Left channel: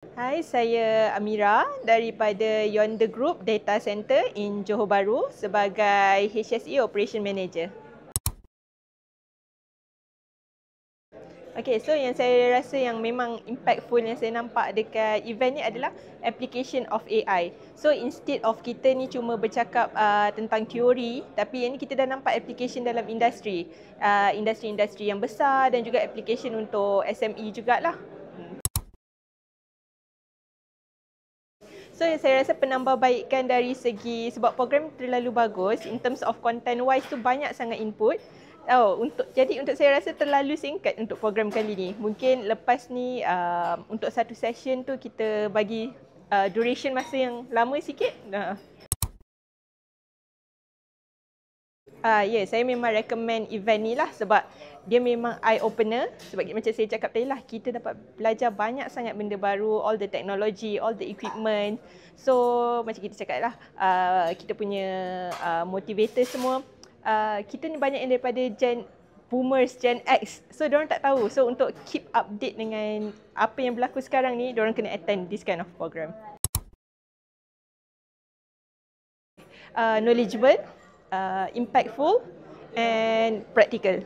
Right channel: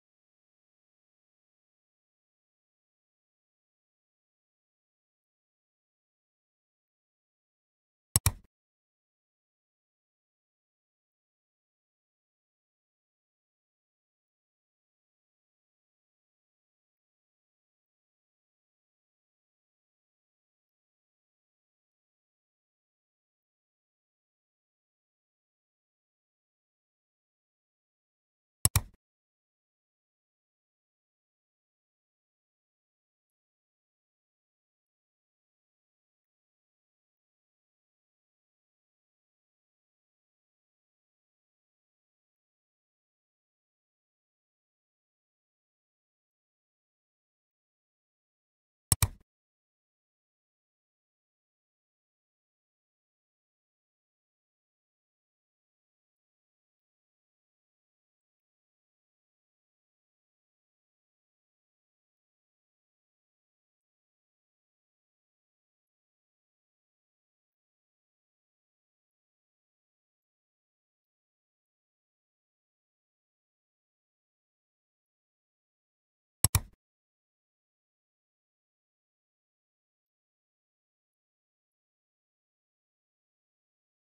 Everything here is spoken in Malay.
Hai, saya Amira daripada Yonder Group Data Center in Johor Bahru sebagai HSE Operation Manager. Okay, so yang saya rasa yang memang impactful yang saya nampak dekat event ni adalah application of AI. So instead of kita ni cuma bercakap tentang teori, tapi yang ni kita dah nampak application dalam industri. Industri-industri yang besar dan juga application untuk SME jugalah. So saya rasa penambahbaikan dari segi sebab program terlalu bagus in terms of content wise tu banyak sangat input. Untuk saya rasa terlalu singkat untuk program kali ni. Mungkin lepas ni untuk satu session tu kita bagi duration masa yang lama sikit. Saya memang recommend event ni lah sebab dia memang eye opener. Sebab macam saya cakap tadi lah, kita dapat belajar banyak sangat benda baru, all the technology, all the equipment. So macam kita cakap lah, kita punya motivator semua, kita ni banyak yang daripada boomers, Gen X. So diorang tak tahu. So untuk keep update dengan apa yang berlaku sekarang ni, diorang kena attend this kind of program. Knowledgeable, impactful and practical.